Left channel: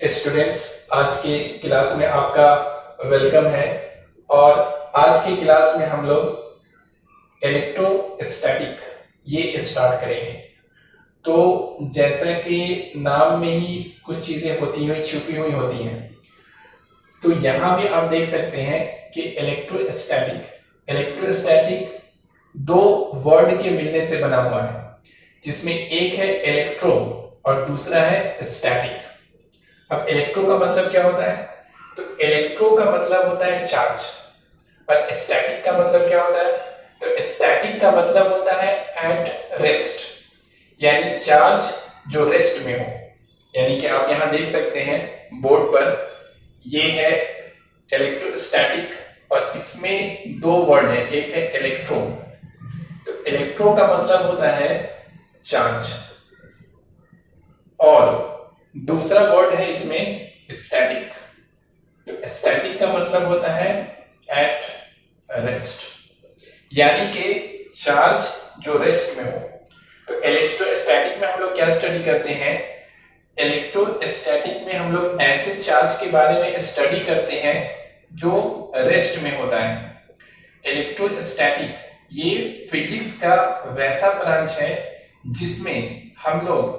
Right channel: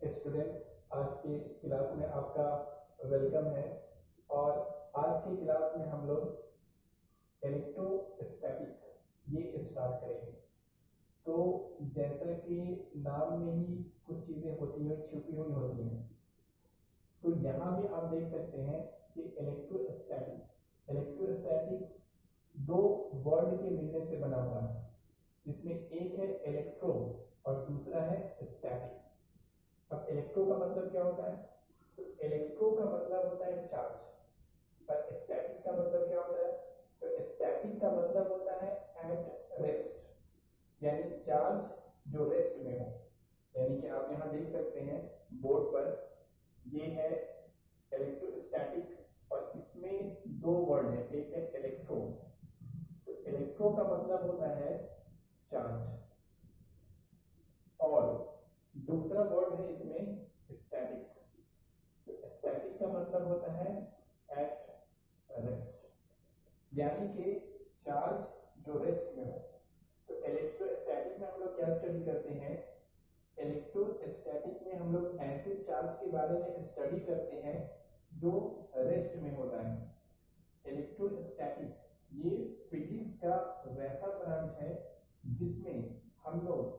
Students, आज के class में आपका वेलकम है। और आज के क्लास में हम लोग इलेक्ट्रोस्टैटिक ये स्टार्ट करेंगे। तो जैसा कि नाम में ही कुछ चीजें होती हुई छुपी हुई होती हैं, तो यहाँ भी आप देख सकते हैं कि इलेक्ट्रोस्टैटिक दो वर्ड के मिलने से बना हुआ है, जिसमें एक है इलेक्ट्रो और दूसरा है स्टैटिक। अब इलेक्ट्रो का मतलब क्या होता है? तो इलेक्ट्रो का मतलब होता है चार्ज, और स्टैटिक का मतलब क्या होता है? तो स्टैटिक का मतलब होता है एट रेस्ट, यानी चार्ज जो रेस्ट में हो। यानी कि आप यहां देख सकते हैं बोर्ड पर, ये है इलेक्ट्रोस्टैटिक और इसमें दो वर्ड है, एक है इलेक्ट्रो। तो इलेक्ट्रो का मतलब होता है चार्ज और दूसरा वर्ड है इसमें स्टैटिक। तो स्टैटिक का मतलब होता है एट रेस्ट, यानी कि चार्ज जो रेस्ट में हो। तो इलेक्ट्रोस्टैटिक में हम लोग क्या स्टडी करते हैं? इलेक्ट्रोस्टैटिक में हम लोग ऐसे चार्ज के बारे में स्टडी करते हैं जो रेस्ट में होता है। इलेक्ट्रोस्टैटिक ये फिजिक्स का वैसा ब्रांच है जिसमें हम लोग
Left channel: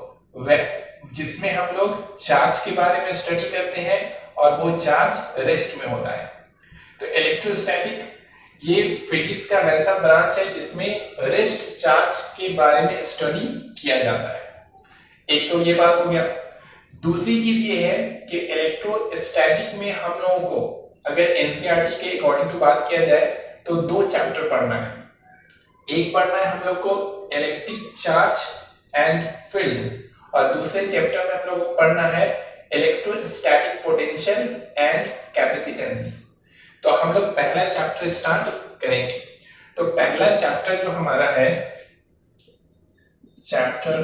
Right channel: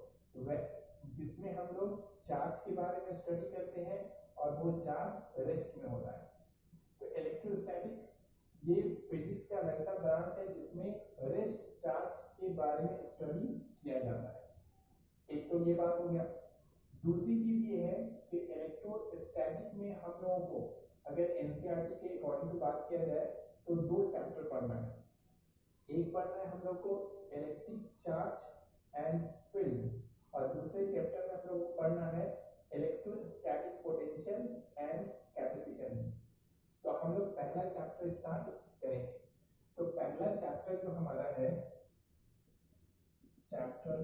चार्ज के बारे में स्टडी करते हैं और वो चार्ज रेस्ट में होता है। तो इलेक्ट्रोस्टैटिक ये फिजिक्स का वैसा ब्रांच है जिसमें रेस्ट चार्ज के बारे में स्टडी किया जाता है। एक तो ये बात हो गया। दूसरी चीज ये है कि इलेक्ट्रोस्टैटिक में हम लोगों को अगर एनसीईआरटी के अकॉर्डिंग टू बात किया जाए तो दो चैप्टर पढ़ना है। एक पढ़ना है हम लोग को इलेक्ट्रिक चार्ज एंड फील्ड, और दूसरे चैप्टर में हम लोग को पढ़ना है इलेक्ट्रोस्टैटिक पोटेंशियल एंड कैपेसिटेंस। तो हम लोग पहला चैप्टर स्टार्ट करेंगे। तो पहला चैप्टर जो हमारा है, चैप्टर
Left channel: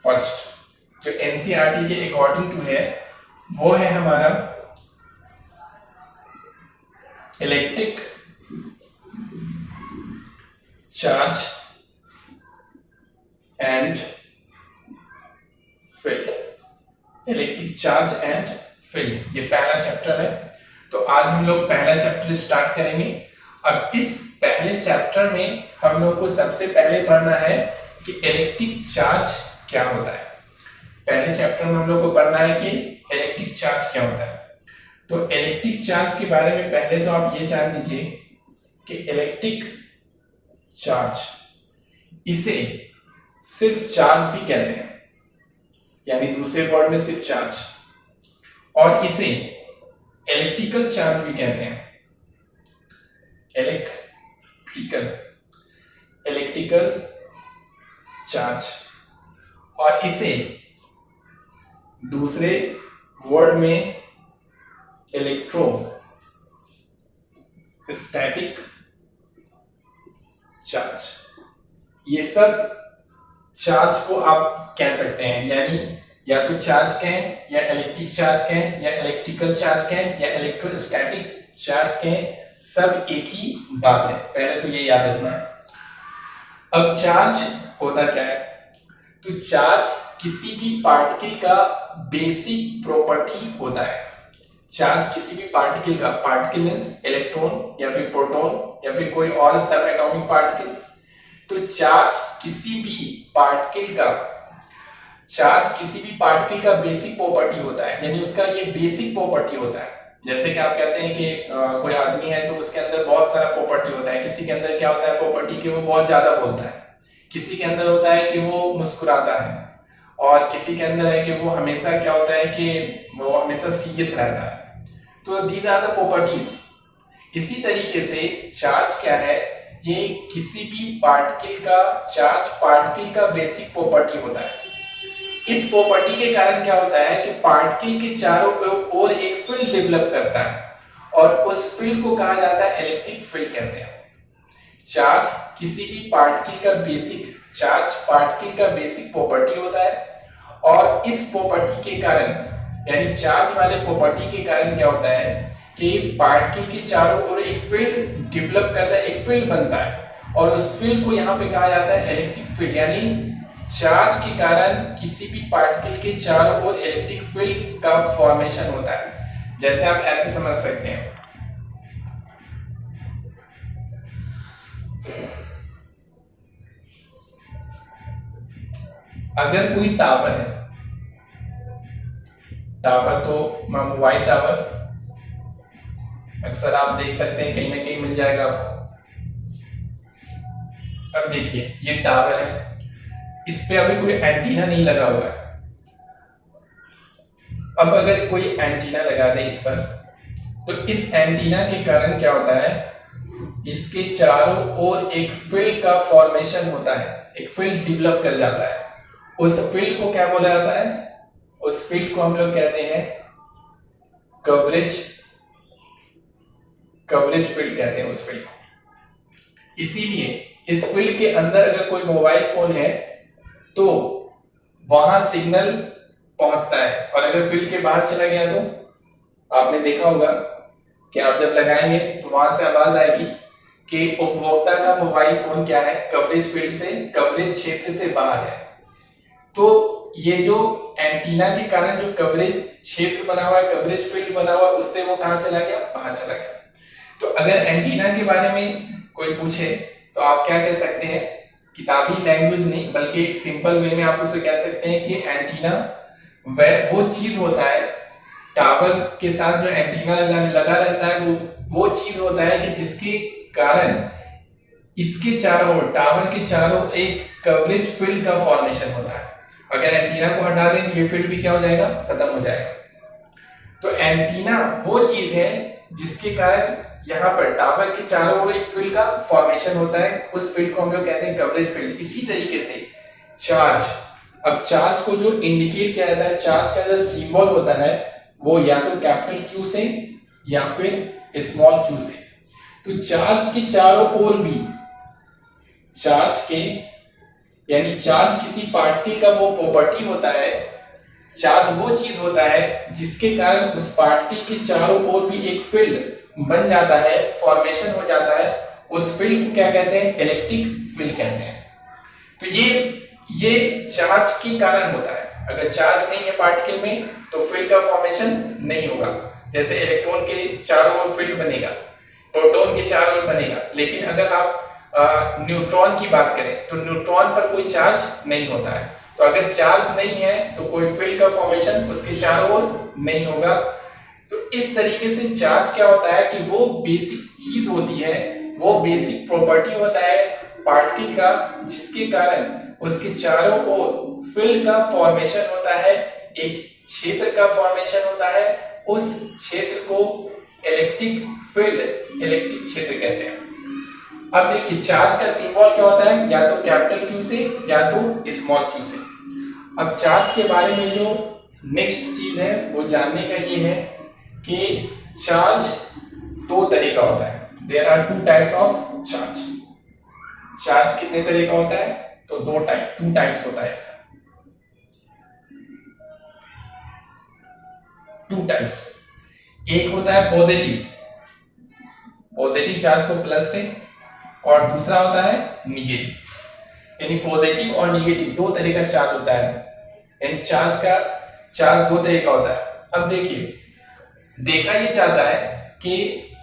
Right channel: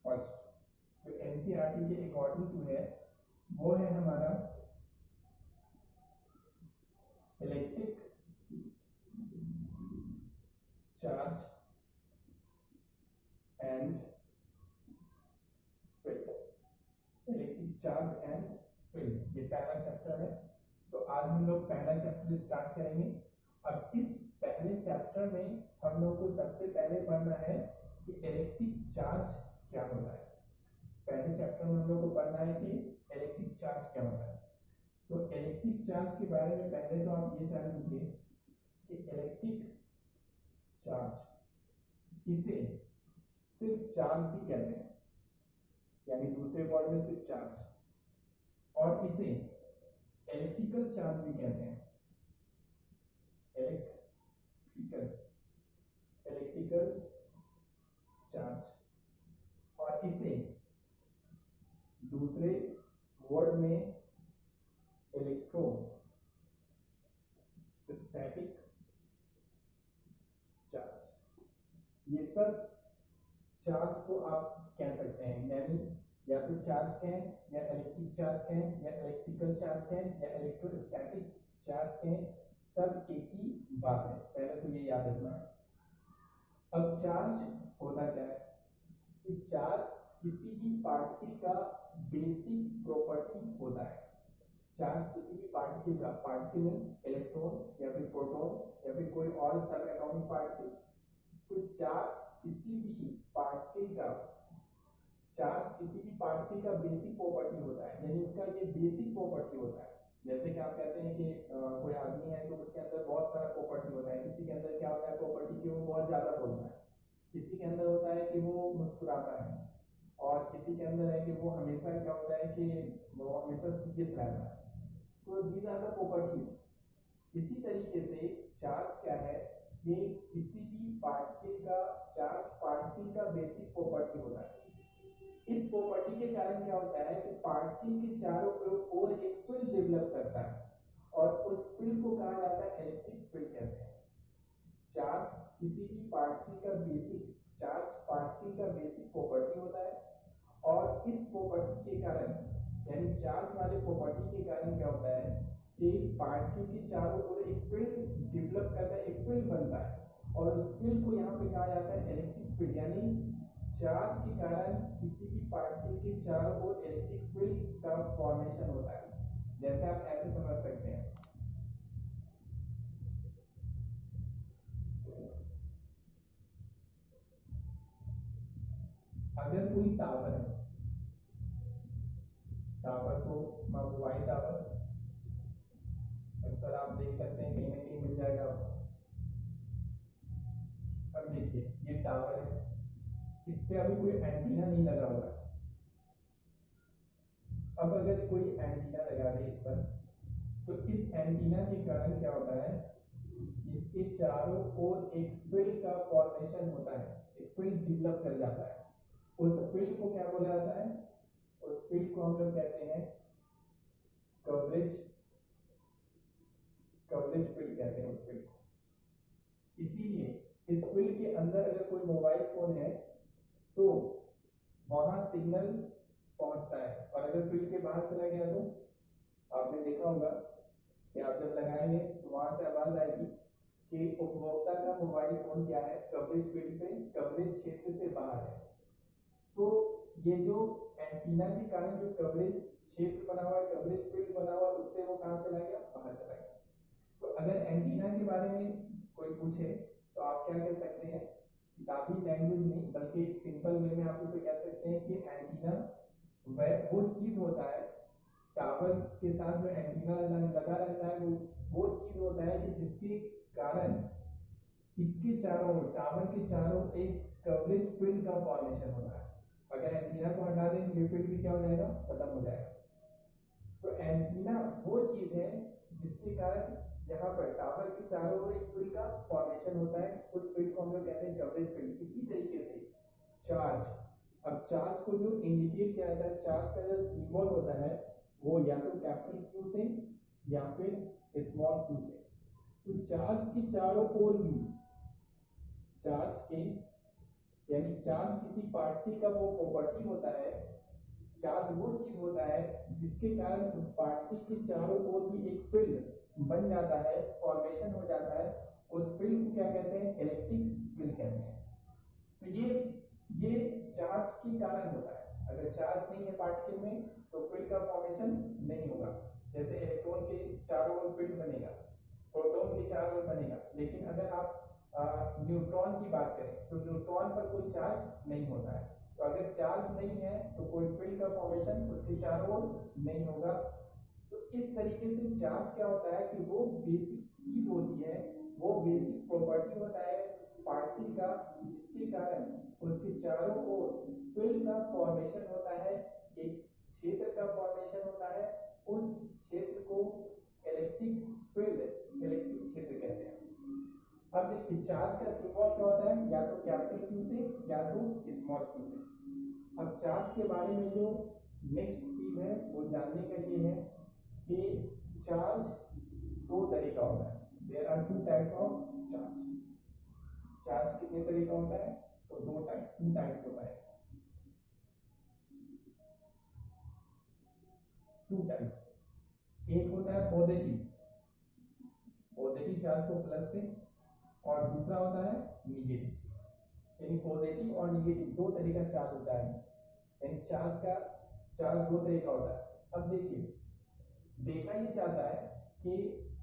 फर्स्ट, जो एनसीईआरटी के अकॉर्डिंग टू है, वो है हमारा electric charge and field. Electric charge and field ये पहला चैप्टर है। तो आज हम लोग पहला चैप्टर स्टार्ट करेंगे। अब इस पहले चैप्टर में हम लोग को सबसे पहले पढ़ना है कि इलेक्ट्रिक चार्ज क्या होता है। पहले चैप्टर में हम लोग को पढ़ना है कि इलेक्ट्रिक चार्ज क्या होता है। तो इलेक्ट्रिक चार्ज के बारे में पहले तो आप ये जान लीजिए कि इलेक्ट्रिक चार्ज, इसे सिर्फ चार्ज भी कहते हैं, यानी दूसरे वर्ड में सिर्फ चार्ज, और इसे इलेक्ट्रिकल चार्ज भी कहते हैं। इलेक्ट्रिकल चार्ज, और इसे दूसरे वर्ड में इलेक्ट्रोस्टैटिक चार्ज। ये सब चार्ज को आप कह सकते हैं, यानी या तो चार्ज कहें, या इलेक्ट्रिक चार्ज कहें, या इलेक्ट्रिकल चार्ज कहें, या इलेक्ट्रोस्टैटिक चार्ज कहें, सब एक ही बात है। पहले तो ये याद रखना है। अब चार्ज होता क्या है? तो चार्ज किसी भी पार्टिकल का बेसिक प्रॉपर्टी होता है। चार्ज किसी भी पार्टिकल का, पार्टिकल मींस इलेक्ट्रॉन या फिर प्रोटॉन या फिर कोई और सब एटॉमिक पार्टिकल। तो चार्ज किसी भी पार्टिकल का बेसिक प्रॉपर्टी होता है, यानी उसका ये बेसिक प्रॉपर्टी होता है। जैसे कि आप कहते हैं कि कोई आदमी है तो उसके अंदर बहुत सारा प्रॉपर्टी होता है। किसी के अंदर क्या होता है प्रॉपर्टी कि वो बहुत ज्यादा बोलता है, किसी के अंदर होता है कि वो मुस्कुराता है, और किसी के अंदर है कि वो हमेशा क्या होता है कि वो हमेशा सीरियस रहता है। तो दीज आर द प्रॉपर्टीज। इसी तरीके से चार्ज क्या है? ये किसी भी पार्टिकल का, चार्ज पार्टिकल का बेसिक प्रॉपर्टी होता है। इस प्रॉपर्टी के कारण क्या होता है कि पार्टिकल के चारों ओर एक फील्ड डेवलप करता है, और उस फील्ड को कहा जाता है इलेक्ट्रिक फील्ड कहते हैं। चार्ज किसी भी पार्टिकल का बेसिक प्रॉपर्टी होता है, और इस प्रॉपर्टी के कारण, यानी चार्ज वाले प्रॉपर्टी के कारण क्या होता है कि पार्टिकल के चारों ओर एक फील्ड डेवलप करता है, एक फील्ड बनता है, और उस फील्ड को यहाँ पे कहा जाता है इलेक्ट्रिक फील्ड। यानी चार्ज के कारण किसी भी पार्टिकल के चारों ओर इलेक्ट्रिक फील्ड का फॉर्मेशन होता है। जैसे आप ऐसे समझ सकते हैं, अगर कोई टावर है, टावर तो मोबाइल टावर अक्सर आप देख सकते हैं, कहीं ना कहीं मिल जाएगा आपको। अब देखिए ये टावर है, इस पे अभी कोई एंटीना नहीं लगा हुआ है। अब अगर कोई एंटीना लगा दे इस पर, तो इस एंटीना के कारण क्या होता है, इसके चारों ओर एक फील्ड का फॉर्मेशन होता है, एक फील्ड डेवलप कर जाता है। उस फील्ड को क्या बोला जाता है, उस फील्ड को हम लोग कहते हैं कवरेज फील्ड कहते हैं उस फील्ड को। इसीलिए इस फील्ड के अंदर अगर कोई मोबाइल फोन है तो वहां सिग्नल पहुंचता है, और अगर फील्ड के बाहर चला गया तो आपने देखा होगा कि आप जब लगाएंगे तो वहां से आवाज आएगी कि उपभोक्ता का मोबाइल फोन क्या है, कवरेज फील्ड से, कवरेज क्षेत्र से बाहर है। तो ये जो एंटीना के कारण जो कवरेज क्षेत्र बना हुआ है, कवरेज फील्ड बना हुआ है, उससे वो कहां चला गया, बाहर चला गया। तो अगर एंटीना के बारे में कोई पूछे तो आप क्या कह सकते हैं, किताबी लैंग्वेज नहीं बल्कि एक सिंपल वे में आप उसे कह सकते हैं कि एंटीना वो चीज होता है, टावर के साथ जो एंटीना लगा रहता है वो चीज होता है कि जिसके कारण इसके चारों ओर, टावर के चारों एक कवरेज फील्ड का फॉर्मेशन होता है। अगर एंटीना को हटा दें तो ये फील्ड भी क्या हो जाएगा, खत्म हो जाएगा। तो एंटीना वो चीज है जिसके कारण यहाँ पर टावर के चारों ओर एक फील्ड का फॉर्मेशन होता है, उस फील्ड को हम लोग कहते हैं कवरेज फील्ड। इसी तरीके से चार्ज, अब चार्ज को जो इंडिकेट किया जाता है, चार्ज का जो सिंबल होता है वो या तो कैपिटल क्यू से या फिर स्मॉल क्यू से। तो चार्ज के चारों ओर भी, चार्ज के यानी चार्ज किसी पार्टिकल का वो प्रॉपर्टी होता है, चार्ज वो चीज होता है जिसके कारण उस पार्टिकल के चारों ओर भी एक फील्ड बन जाता है, फॉर्मेशन हो जाता है। उस फील्ड को क्या कहते हैं, इलेक्ट्रिक फील्ड कहते हैं। तो ये चार्ज के कारण होता है। अगर चार्ज नहीं है पार्टिकल में तो फील्ड का फॉर्मेशन नहीं होगा। जैसे इलेक्ट्रॉन के चारों ओर फील्ड बनेगा, प्रोटॉन के चारों ओर बनेगा, लेकिन अगर आप न्यूट्रॉन की बात करें तो न्यूट्रॉन पर कोई चार्ज नहीं होता है। तो अगर चार्ज नहीं है तो कोई फील्ड का फॉर्मेशन उसके चारों ओर नहीं होगा। तो इस तरीके से चार्ज क्या होता है कि वो बेसिक चीज होती है, वो बेसिक प्रॉपर्टी होता है पार्टिकल का, जिसके कारण उसके चारों ओर फील्ड का फॉर्मेशन होता है, एक क्षेत्र का फॉर्मेशन होता है। उस क्षेत्र को इलेक्ट्रिक फील्ड, इलेक्ट्रिक क्षेत्र कहते हैं। अब देखिए चार्ज का सिंबल क्या होता है, या तो कैपिटल क्यू से या तो स्मॉल क्यू से। अब चार्ज के बारे में जो नेक्स्ट चीज है वो जानने का ये है कि चार्ज दो तरह का होता है। There are two types of charge. Charge कितने तरह का होता है, तो टू टाइप्स होता है इसका, टू टाइप्स। एक होता है पॉजिटिव चार्ज को प्लस से, और दूसरा होता है निगेटिव। यानी पॉजिटिव और निगेटिव दो तरह का चार्ज होता है, यानी चार्ज दो तरह का होता है। अब देखिए देखा ये जाता है कि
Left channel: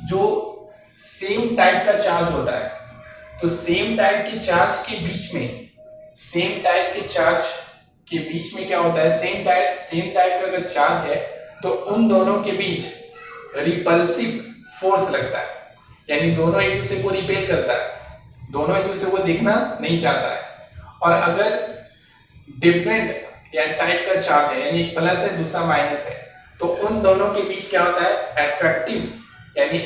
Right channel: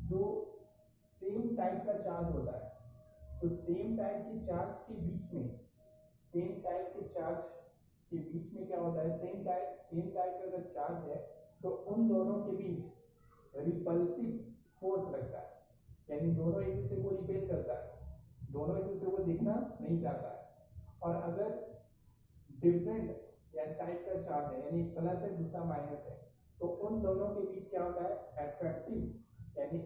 जो सेम टाइप का चार्ज होता है, तो सेम टाइप के चार्ज के बीच में क्या होता है, सेम टाइप का अगर चार्ज है तो उन दोनों के बीच रिपल्सिव फोर्स लगता है, यानी दोनों एक दूसरे को रिपेल करता है, दोनों एक दूसरे को देखना नहीं चाहता है। और अगर डिफरेंट या टाइप का चार्ज है, यानी एक प्लस है दूसरा माइनस है, तो उन दोनों के बीच क्या होता है, अट्रैक्टिव, यानी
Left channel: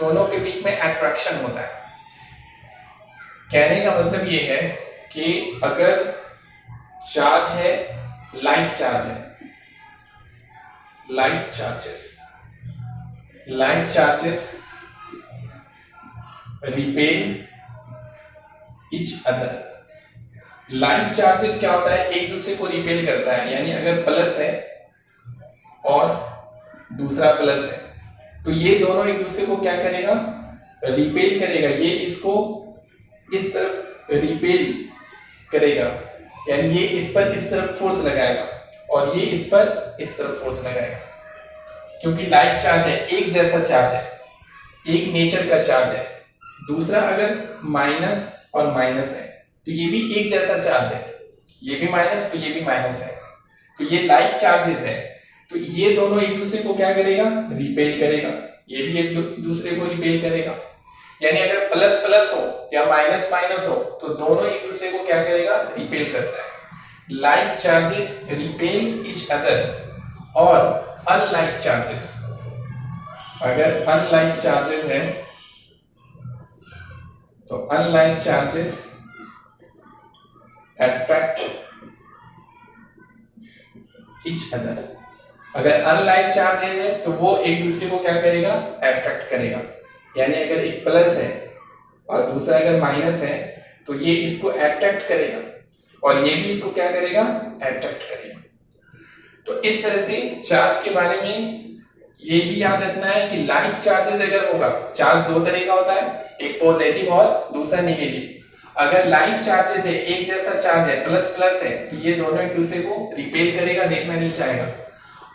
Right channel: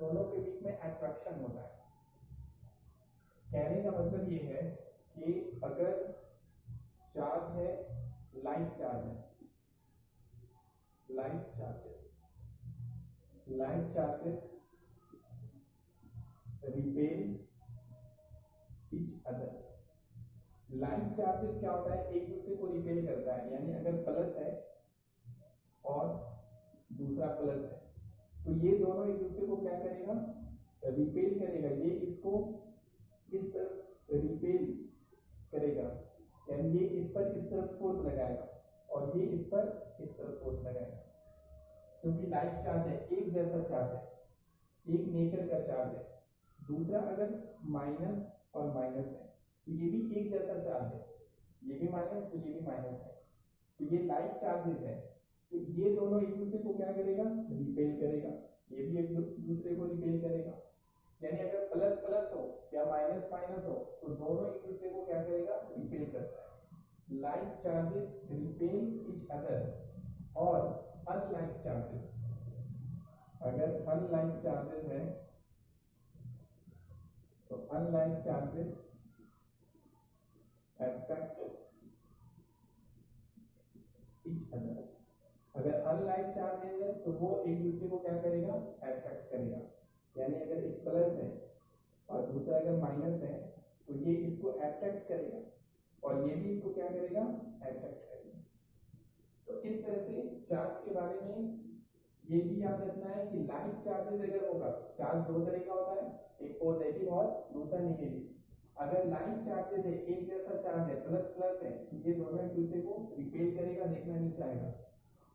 दोनों के बीच में अट्रैक्शन होता है। कहने का मतलब ये है कि अगर चार्ज है, light charges repel each other. Light charges क्या होता है, एक दूसरे को रिपेल करता है, यानी अगर प्लस है और दूसरा प्लस है तो ये दोनों एक दूसरे को क्या करेगा, रिपेल करेगा। ये इसको इस तरफ रिपेल करेगा यानी ये इस पर इस तरफ फोर्स लगाएगा और ये इस पर इस तरफ फोर्स लगाएगा, क्योंकि लाइक चार्ज है, एक जैसा चार्ज है, एक नेचर का चार्ज है। दूसरा अगर माइनस और माइनस है तो ये भी एक जैसा चार्ज है, ये भी माइनस तो ये भी माइनस है, तो ये लाइक चार्जेस है। तो ये दोनों एक दूसरे को क्या करेगा, रिपेल करेगा, ये भी एक दूसरे को रिपेल करेगा। यानी अगर प्लस प्लस हो या माइनस माइनस हो तो दोनों एक दूसरे को क्या करेगा, रिपेल करता है। Like charges repel each other और अनलाइक चार्जेस, अगर अनलाइक चार्जेस है तो unlike charges attract each other. अगर अनलाइक चार्जेस है तो वो एक दूसरे को क्या करेगा, अट्रैक्ट करेगा। यानी अगर एक प्लस है और दूसरा अगर माइनस है तो ये इसको अट्रैक्ट करेगा और ये भी इसको क्या करेगा, अट्रैक्ट करेगा। तो इस तरह से चार्ज के बारे में ये भी याद रखना है कि लाइक चार्जेस अगर होगा, चार्ज दो तरह का होता है, एक पॉजिटिव और दूसरा नेगेटिव। अगर लाइक चार्जेस है, एक जैसा चार्ज है, प्लस प्लस है, तो ये दोनों एक दूसरे को रिपेल करेगा, देखना नहीं चाहेगा।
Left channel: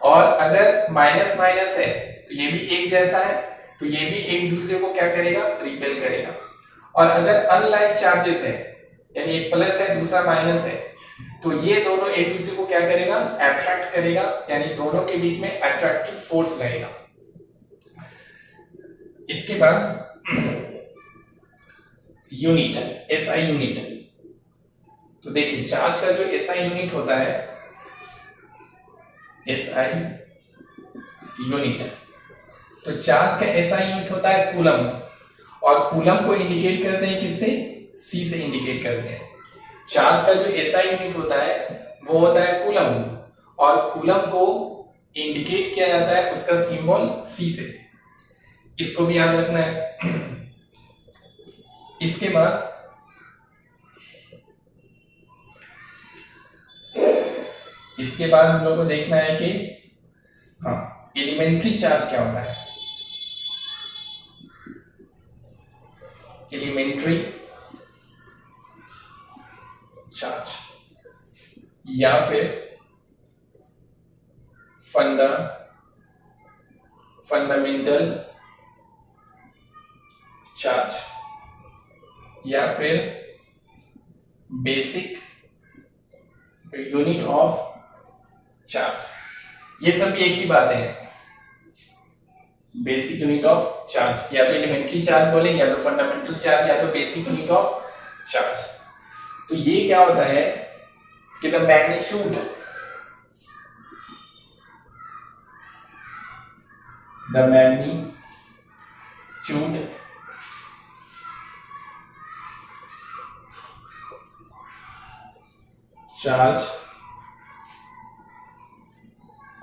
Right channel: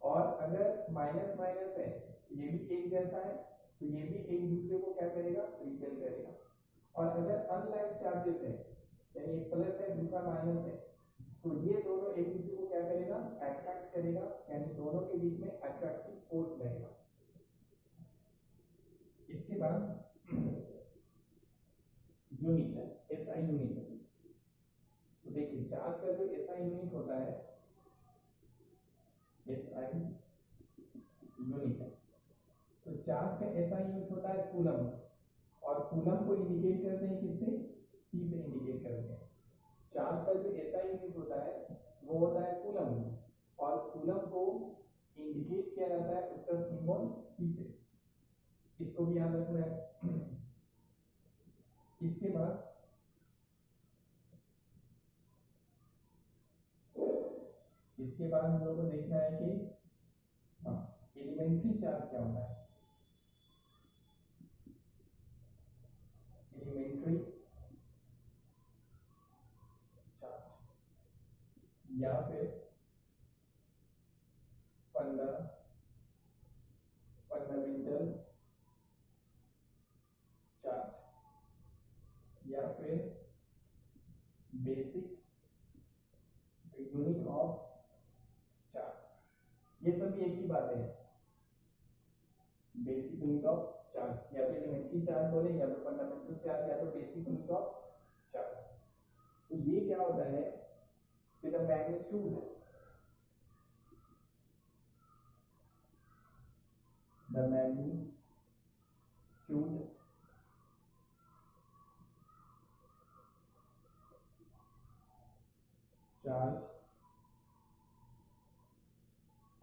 और अगर माइनस माइनस है तो ये भी एक जैसा है, तो ये भी एक दूसरे को क्या करेगा, रिपेल करेगा। और अगर अनलाइक चार्जेस है, यानी एक प्लस है दूसरा माइनस है, तो ये दोनों एक दूसरे को क्या करेगा, अट्रैक्ट करेगा, यानी दोनों के बीच में अट्रैक्टिव फोर्स लगेगा। इसके बाद यूनिट, एसआई यूनिट। तो देखिए चार्ज का जो एसआई यूनिट होता है, एसआई यूनिट, तो चार्ज का एसआई यूनिट होता है कूलम, और कूलम को इंडिकेट करते हैं किससे, सी से इंडिकेट करते हैं। चार्ज का जो एसआई यूनिट होता है वो होता है कूलम, और कूलम को इंडिकेट किया जाता है उसका सिंबल सी से, इसको भी याद रखना है। इसके बाद हम लोग को देखना है कि हाँ, एलिमेंट्री चार्ज क्या होता है। एलिमेंट्री चार्ज या फिर फंडामेंटल चार्ज या फिर बेसिक यूनिट ऑफ चार्ज, ये सब एक ही बातें हैं। बेसिक यूनिट ऑफ चार्ज, या तो एलिमेंट्री चार्ज बोले, या तो फंडामेंटल चार्ज, या तो बेसिक यूनिट ऑफ चार्ज। तो ये क्या होता है कि the magnitude charge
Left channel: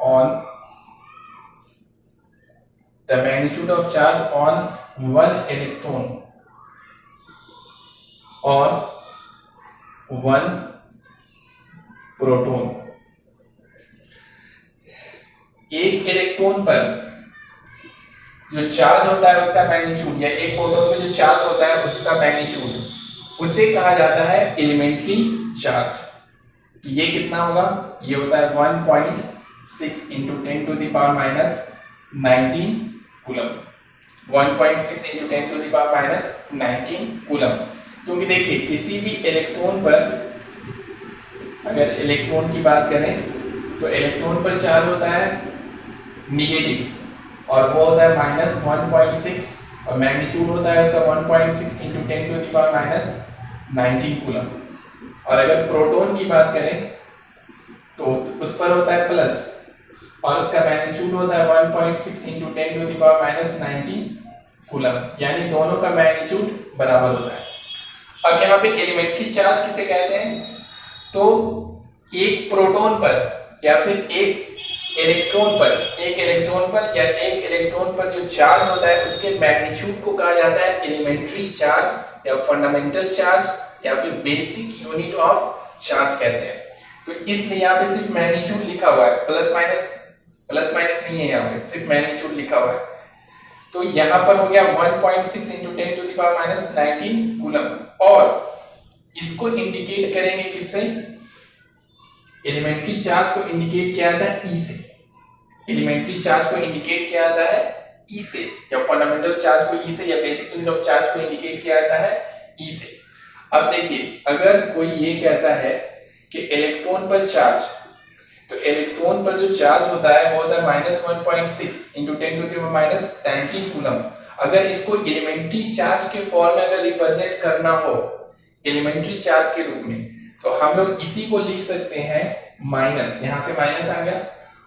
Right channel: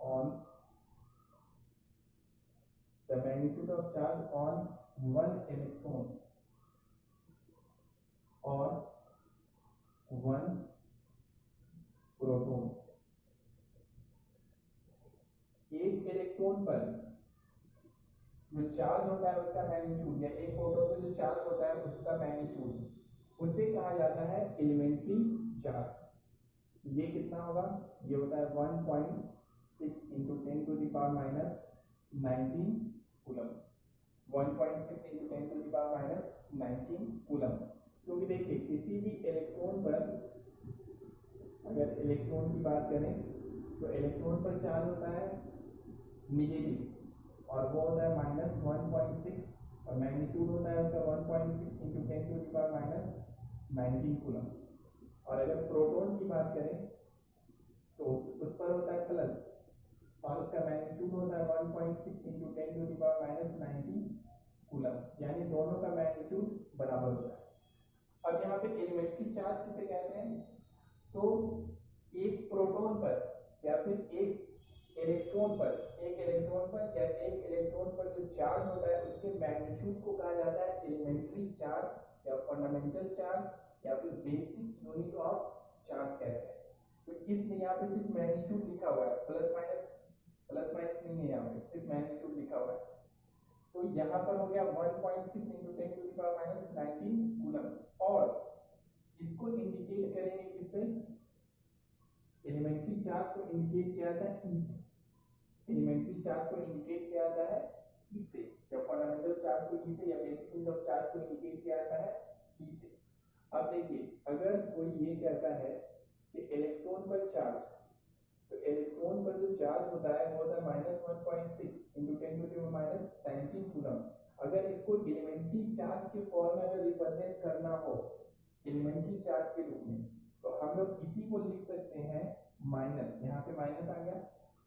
on the magnitude of charge on one electron or one proton। एक इलेक्ट्रॉन पर जो चार्ज होता है उसका मैग्नीट्यूड, या एक प्रोटॉन पे जो चार्ज होता है उसका मैग्नीट्यूड, उसे कहा जाता है एलिमेंट्री चार्ज। तो ये कितना होगा, ये होता है 1.6 into 10 to the power minus 19 coulomb. 1.6 into 10 to the power minus 19 coulomb. क्योंकि देखिए किसी भी इलेक्ट्रॉन पर, अगर इलेक्ट्रॉन की बात करें तो इलेक्ट्रॉन पर चार्ज होता है निगेटिव, और वो होता है माइनस 1.6, और मैग्नीट्यूड होता है उसका 1.6 into 10 to the power minus 19 coulomb. और अगर प्रोटॉन की बात करें तो उस पर होता है प्लस, और उसका मैग्नीट्यूड होता है 1.6 into 10 to the power minus 19 coulomb, यानी दोनों का मैग्नीट्यूड बराबर होता है। अब यहाँ पे एलिमेंट्री चार्ज किसे कहते हैं, तो एक प्रोटॉन पर या फिर एक इलेक्ट्रॉन पर जो चार्ज होता है उसके मैग्नीट्यूड को कहा जाता है एलिमेंट्री चार्ज या फंडामेंटल चार्ज या फिर बेसिक यूनिट ऑफ चार्ज कहते हैं। तो इसलिए यहाँ पे सिर्फ मैग्नीट्यूड लिखा हुआ है, प्लस माइनस नहीं है, यहाँ पे सिर्फ मैग्नीट्यूड लिखा हुआ है। तो यहाँ पर हो गया 1.6 into 10 to the power minus 19 coulomb, और इसको इंडिकेट करेंगे किससे, एलिमेंट्री चार्ज को इंडिकेट किया जाता है ई से, एलिमेंट्री चार्ज को इंडिकेट किया जाता है ई से, या फंडामेंटल चार्ज को ई से, या बेसिक यूनिट ऑफ चार्ज को इंडिकेट किया जाता है ई से। अब देखिए अगर कोई ये कहता है कि इलेक्ट्रॉन पर चार्ज, तो इलेक्ट्रॉन पर जो चार्ज होता है वो होता है -1.6 इंटू 10⁻⁻19 कूलम। अगर इसको एलिमेंट्री चार्ज के फॉर्म में अगर रिप्रेजेंट करना हो एलिमेंट्री चार्ज के रूप में, तो हम लोग इसी को लिख सकते हैं माइनस, यहां से माइनस आ गया,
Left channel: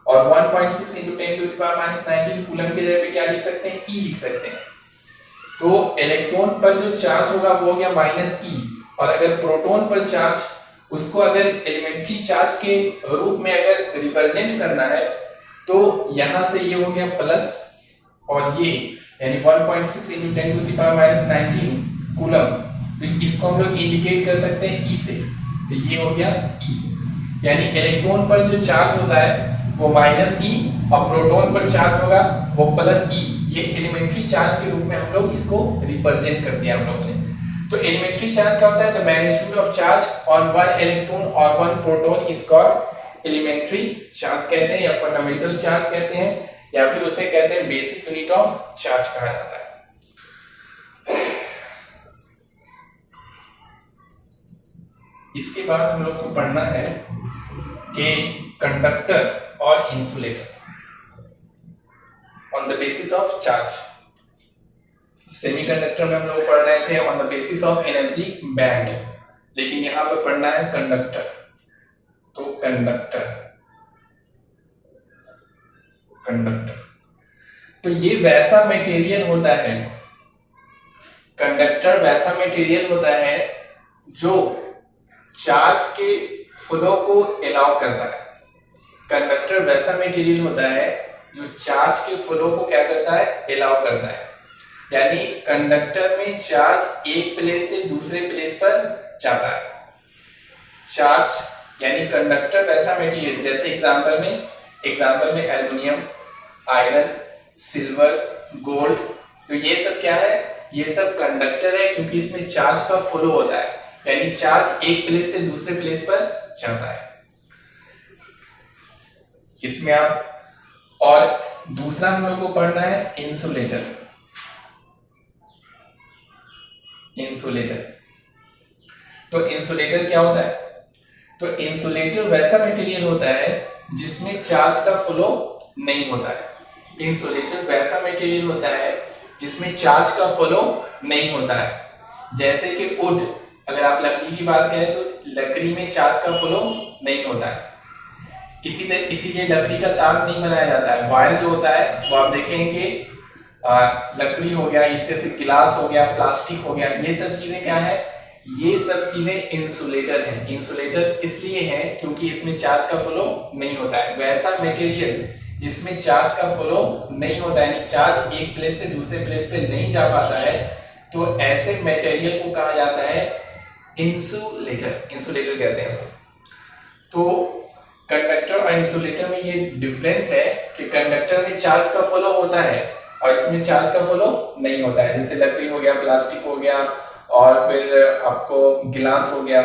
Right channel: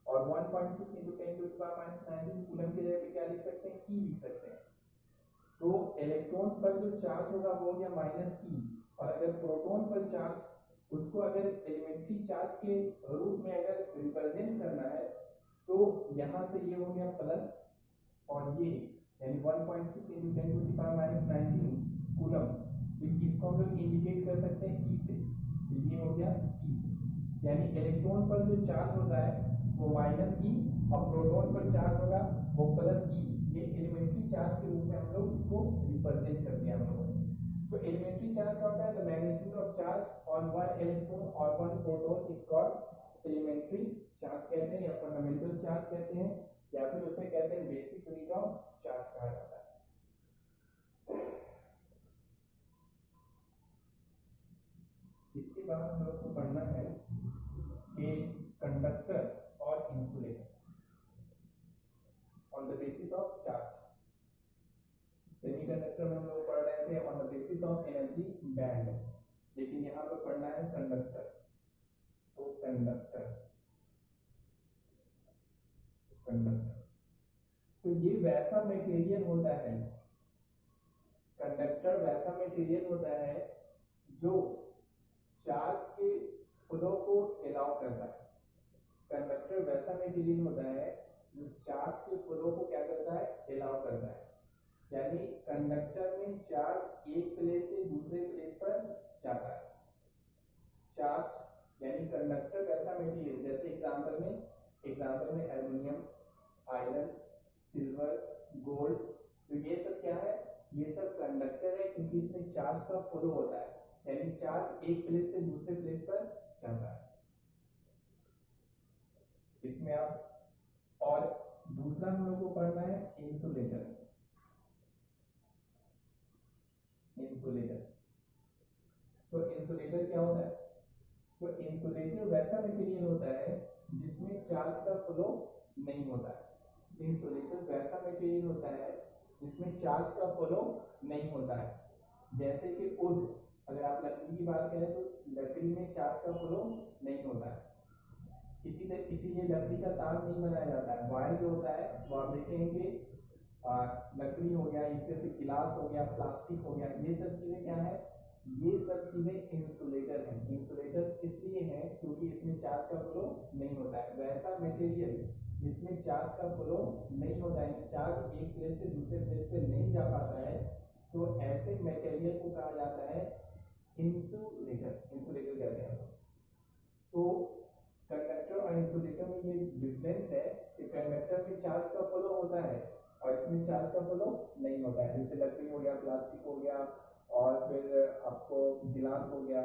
और 1.6 इंटू 10⁻⁻19 कूलम के जगह पे क्या लिख सकते हैं, ई लिख सकते हैं। तो इलेक्ट्रॉन पर जो चार्ज होगा वो हो गया -e, और अगर प्रोटॉन पर चार्ज, उसको अगर एलिमेंट्री चार्ज के रूप में अगर रिप्रेजेंट करना है तो यहां से ये हो गया प्लस, और ये यानी 1.6 इंटू 10⁻⁻19 कूलम, तो इसको हम लोग इंडिकेट कर सकते हैं ई से, तो ये हो गया ई, यानी इलेक्ट्रॉन पर जो चार्ज होता है वो -e और प्रोटॉन पर चार्ज होगा वो +e। ये एलिमेंट्री चार्ज के रूप में हम लोग इसको रिप्रेजेंट कर दिया हम लोगों ने। तो एलिमेंट्री चार्ज क्या होता है, the magnitude of charge on one electron और one proton is called elementary charge कहते हैं, या फंडामेंटल चार्ज कहते हैं, या फिर उसे कहते हैं बेसिक यूनिट ऑफ चार्ज कहा जाता है। इसके बाद हम लोग को पढ़ना है कि कंडक्टर और insulator on the basis of charge. Semiconductor में हम लोग पढ़ रहे थे on the basis of energy band, लेकिन यहां पर पढ़ना है कंडक्टर। तो कंडक्टर तो ये वैसा मटेरियल होता है, कंडक्टर वैसा मटेरियल होता है जो चार्ज के फ्लो को अलाउ करता है। कंडक्टर वैसा मटेरियल होता है जो चार्ज के फ्लो को क्या करता है, अलाउ करता है। यानी कंडक्टर में चार्ज एक प्लेस से दूसरे प्लेस पर जाता है। चार्ज यानी कंडक्टर वैसा मटेरियल, जैसे एग्जांपल में एल्युमिनियम, आयरन, सिल्वर, गोल्ड, तो ये सब क्या है, ये सब कंडक्टर है क्योंकि इसमें चार्ज का फ्लो होता है, यानी चार्ज एक प्लेस से दूसरे प्लेस पर जाता है। इसमें आप, और दूसरा हम लोग को पढ़ना है इंसुलेटर। तो इंसुलेटर क्या होता है, तो इंसुलेटर वैसा मटेरियल होता है जिसमें चार्ज का फ्लो नहीं होता है। इंसुलेटर वैसा मटेरियल होता है जिसमें चार्ज का फ्लो नहीं होता है। जैसे कि वुड, अगर आप लकड़ी की बात करें तो लकड़ी में चार्ज का फ्लो नहीं होता है, इसीलिए लकड़ी का तार नहीं बनाया जाता है। वायर जो होता है वो आप देखेंगे लकड़ी हो गया, इससे से गिलास हो गया, प्लास्टिक हो गया, ये सब चीजें क्या है, ये सब चीजें इंसुलेटर हैं। इंसुलेटर इसलिए है क्योंकि इसमें चार्ज का फ्लो नहीं होता है। वैसा मटेरियल जिसमें चार्ज का फ्लो नहीं होता है, यानी चार्ज एक प्लेस से दूसरे प्लेस पे नहीं जा पाता है, तो ऐसे मटेरियल को कहा जाता है इंसुलेटर कहते हैं उसे। तो कंडक्टर और इंसुलेटर में ये डिफरेंस है कि कंडक्टर में चार्ज का फ्लो होता है और इसमें चार्ज का फ्लो नहीं होता है। जैसे लकड़ी हो गया, प्लास्टिक हो गया, और फिर आपको गिलास हो गया।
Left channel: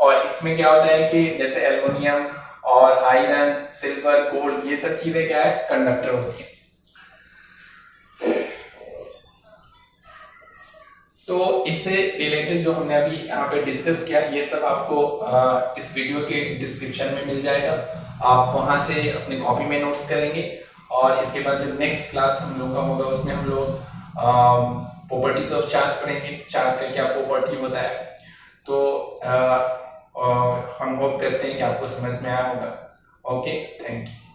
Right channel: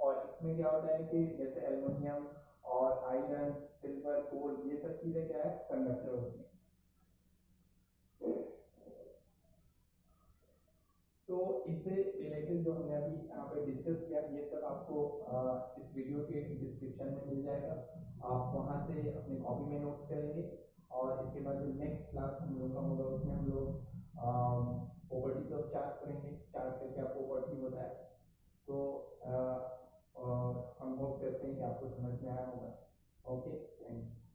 और इसमें क्या होता है कि जैसे एल्युमिनियम और आयरन, सिल्वर, गोल्ड, ये सब चीजें क्या है, कंडक्टर होती है। तो इससे रिलेटेड जो हमने अभी यहाँ पे डिस्कस किया, ये सब आपको इस वीडियो के डिस्क्रिप्शन में मिल जाएगा। आप वहां से अपनी कॉपी में नोट्स करेंगे, और इसके बाद जो नेक्स्ट क्लास हम लोग का होगा उसमें हम लोग प्रॉपर्टीज ऑफ चार्ज पढ़ेंगे, चार्ज का क्या प्रॉपर्टी होता है। तो हम होप करते हैं कि आपको समझ में आया होगा। Okay, thank you.